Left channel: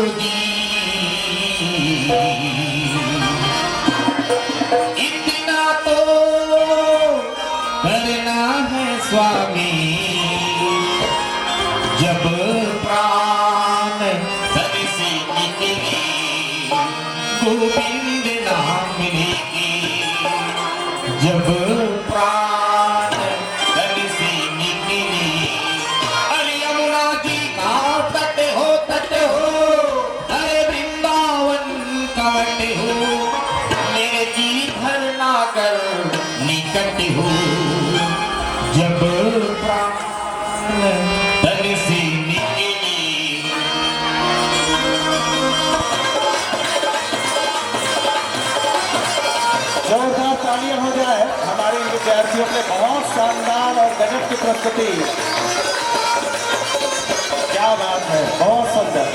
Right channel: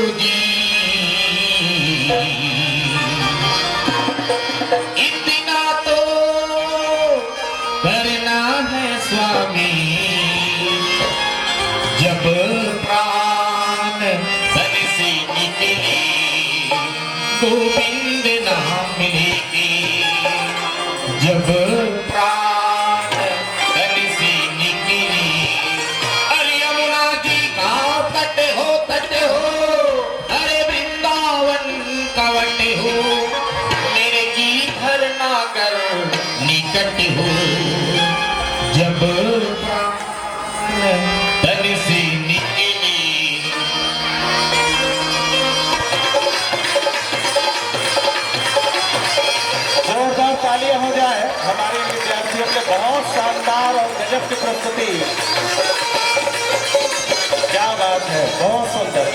जी, इतना तो करना है स्वामी, जब प्राण धन से निकले गोविंद नाम लेके, जब प्राण धन से निकले। अरे यमुना जी का तट हो, अरे वृंदावन का वट हो, मेरे जी धरना कर निकट हो, जब प्राण धन से निकले। जोरदार तालियां हो जाए हमारे विद्यार्थियों के लिए। बहुत शानदार और गजब की प्रस्तुति, क्या बात है, बहुत सुंदर।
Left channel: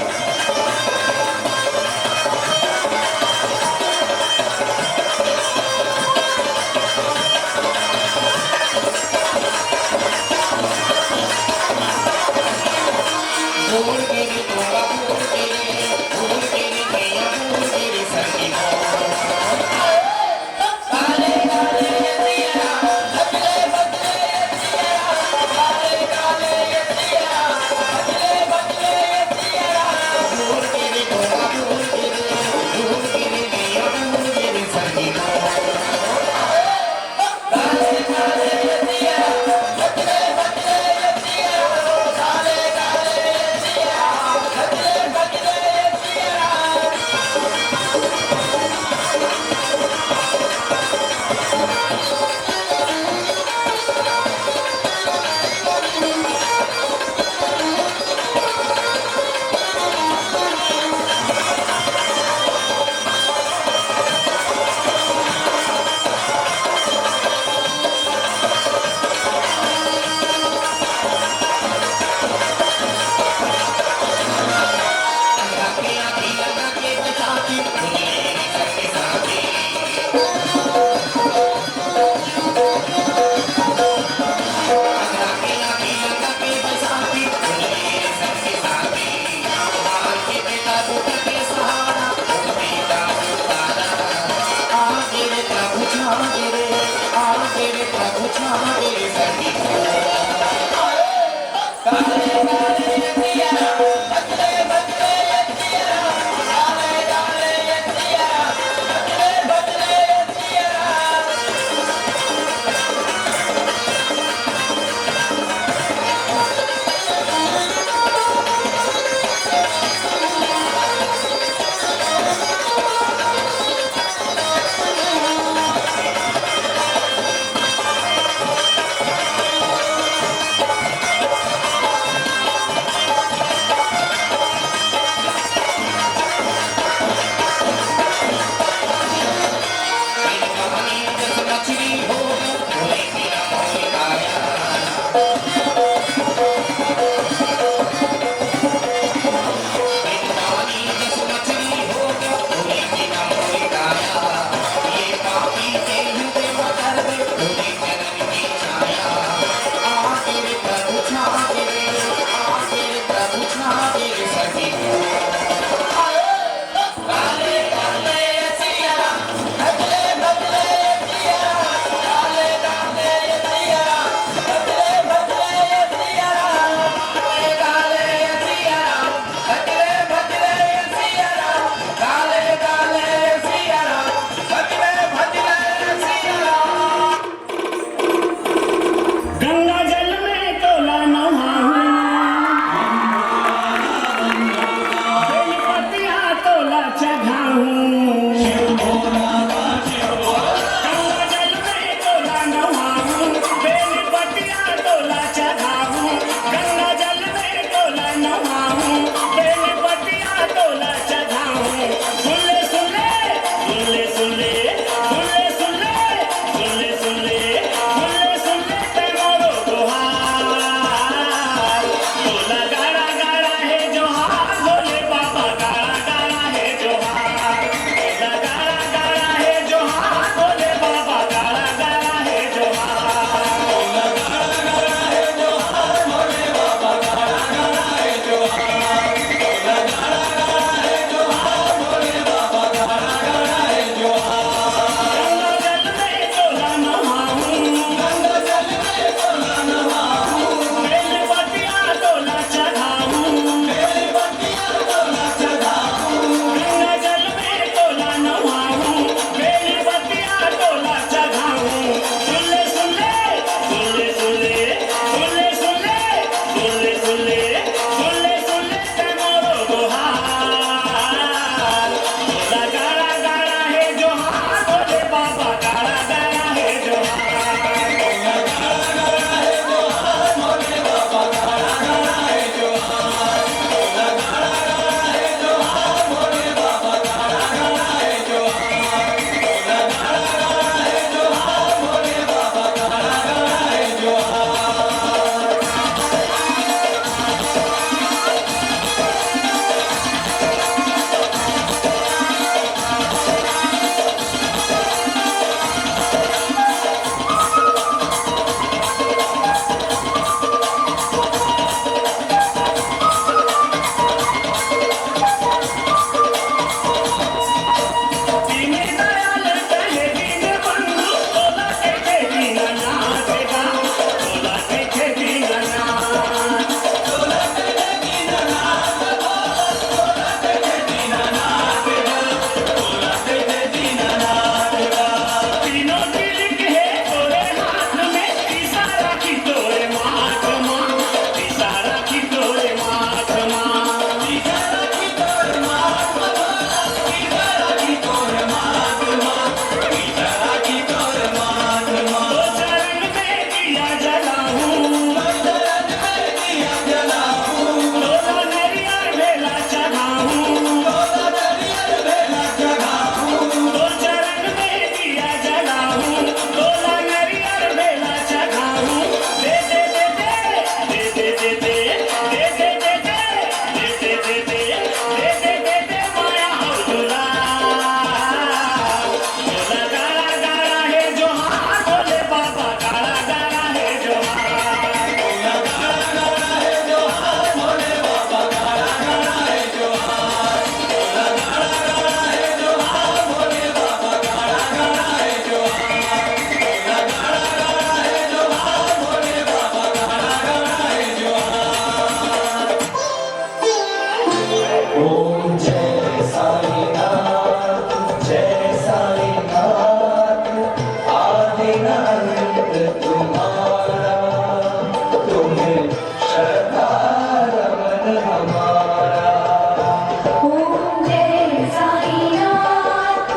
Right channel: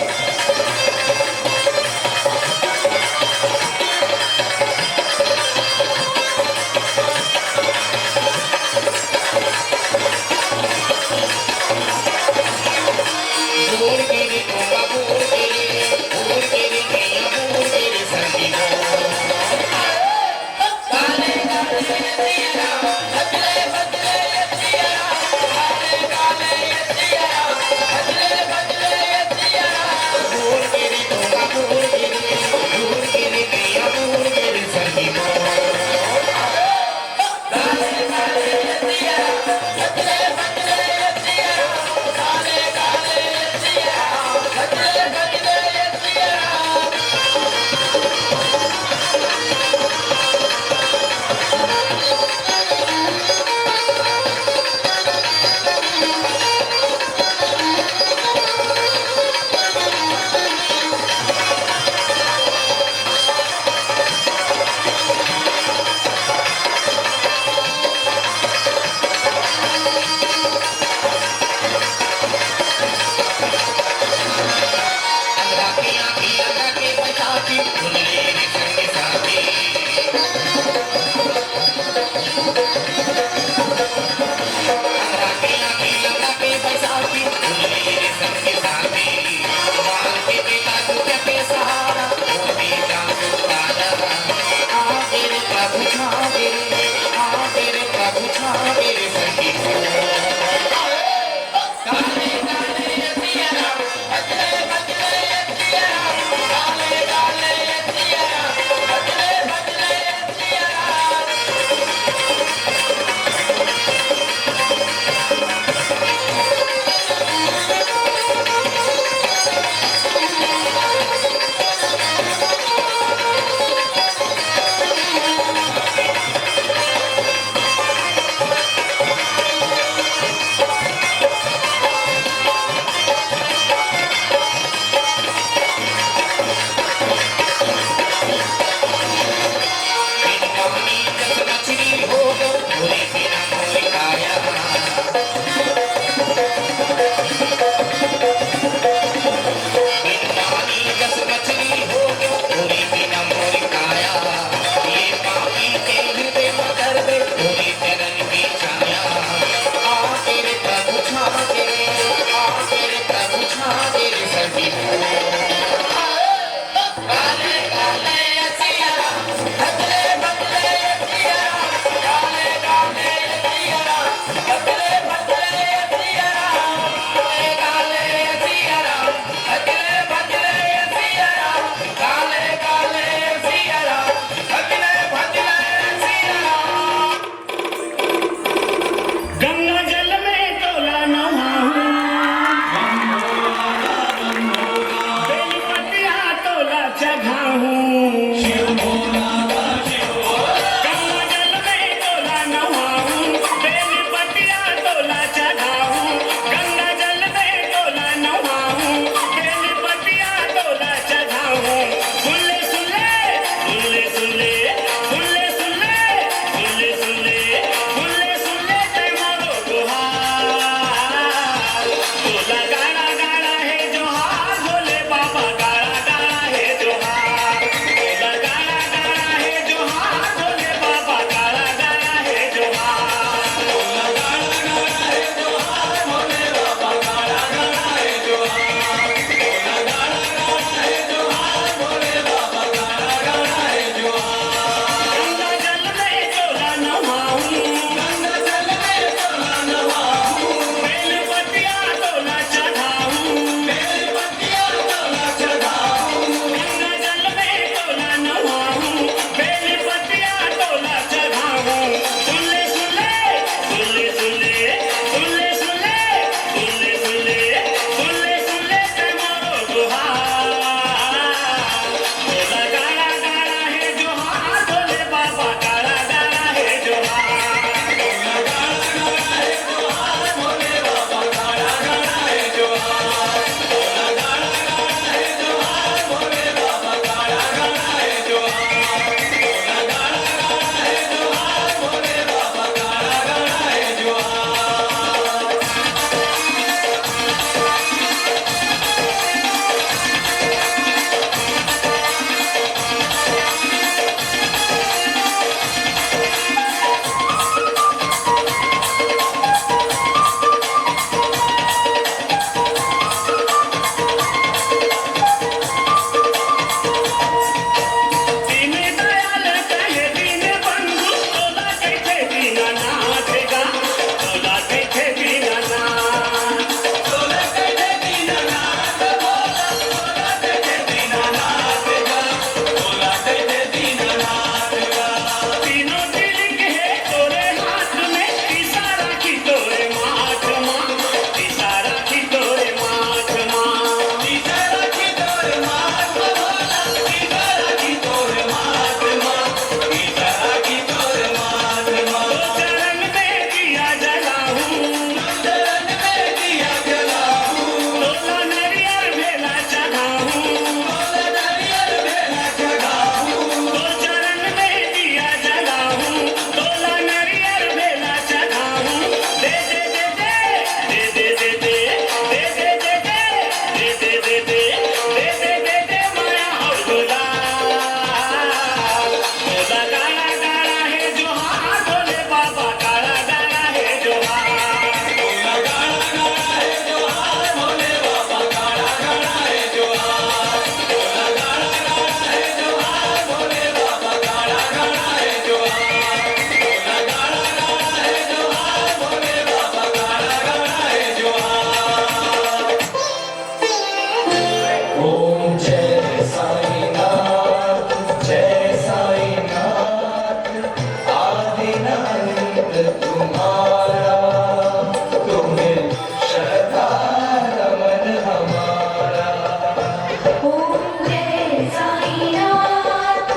ओम जय साईनाथ,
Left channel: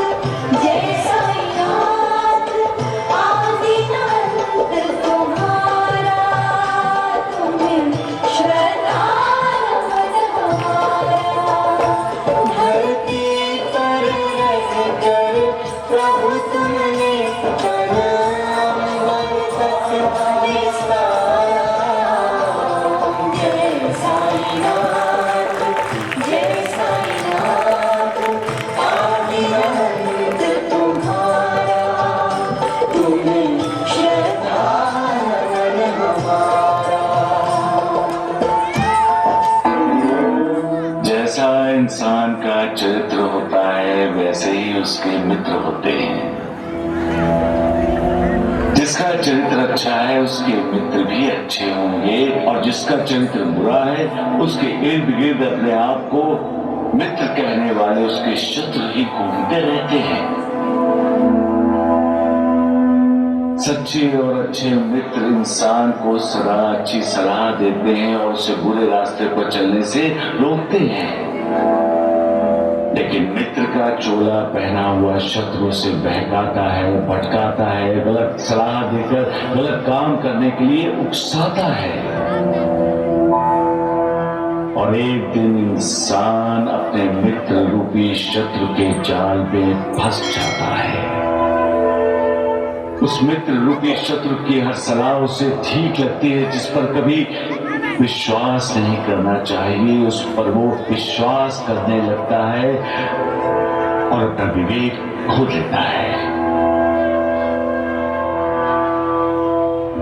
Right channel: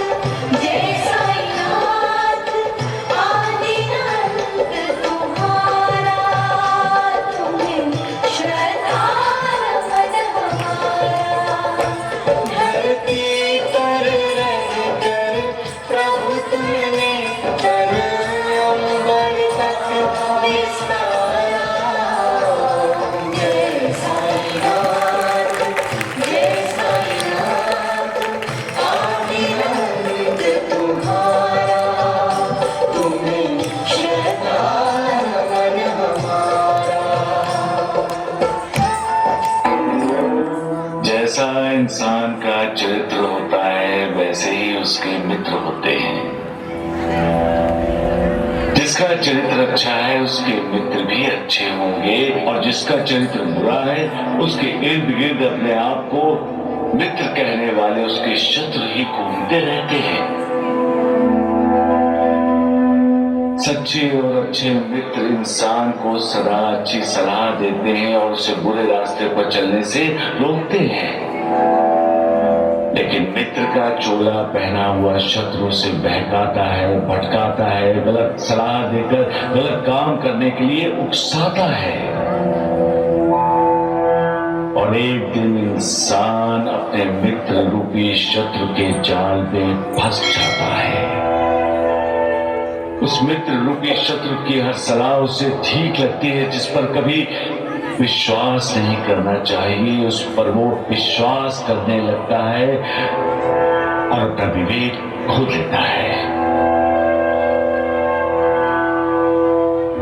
जय साईनाथ, आदिनाथ तुम्हारा, तुम्हें श्रद्धा नमन हमारा। धरती पर रह कर प्रभु तुमने कर अंबर तक विस्तारा। जय साईनाथ, जय साईनाथ, आदिनाथ तुम्हारा, तुम्हें श्रद्धा नमन हमारा। जैसा इंसान का चरित्र होता है वैसे ही उसके मित्र होते हैं। जिसका चरित्र अच्छा है उसके मित्र भी अच्छे होंगे और जिसका चरित्र बुरा है उसके इर्द गिर्द अपने आप को मित्र कहने वाले उसके शत्रु ही घूमते रहते हैं। सच्चे और अच्छे मित्र इंसान को सदा अच्छी सलाह देते हैं और उसे बुरे रास्ते पर चलने से रोकते हैं। लेकिन मित्र का चोला पहना हुआ शत्रु से बहकाता है, भटकाता है, गलत सलाह देकर गलत काम करने के लिए उकसाता है। और एक दिन इंसान अपने मित्र रूपी शत्रु के जाल में फंस जाता है। उस मित्र रूपी शत्रु की हर सलाह उसे ठीक लगती है, जिस पर कभी विश्वास नहीं करना चाहिए उस पर वो विश्वास करने लगता है और अपना विवेक खो देता है।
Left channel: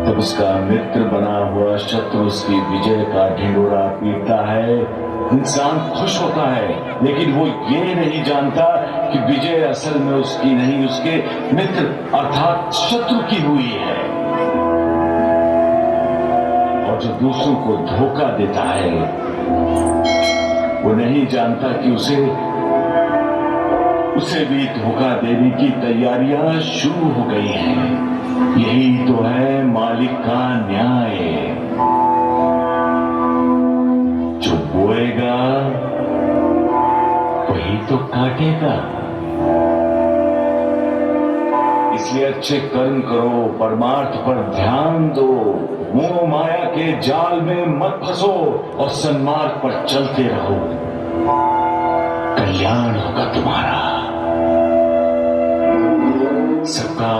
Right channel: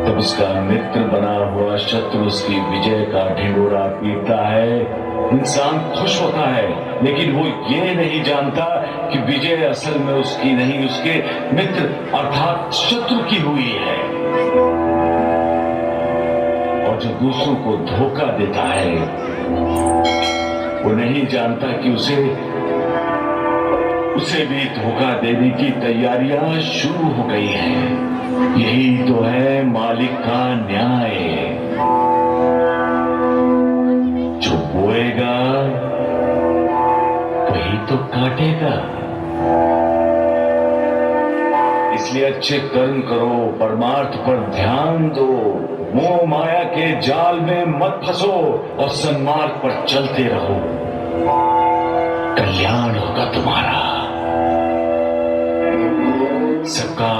तब उसका मित्र बना हुआ शत्रु उसकी विजय का ढिंढोरा पीटता है। इंसान खुश होता है, लेकिन वो ये नहीं जानता कि विजय असल में उसकी नहीं, उसके मित्र अर्थात शत्रु की हुई है। और जो दूसरों को धोखा देता है वो नहीं जानता कि उसे भी धोखा देने की तैयारियां शुरू हो गई हैं। यही तो है मालिक का न्याय। जो बोएगा वही तो काटेगा। इसलिए अच्छे कर्म करो, परमार्थ पर ध्यान दो, मोह माया के जाल में मत फंसो और सन्मार्ग पर चलते रहो। कल्याण होगा तुम्हारा। सबका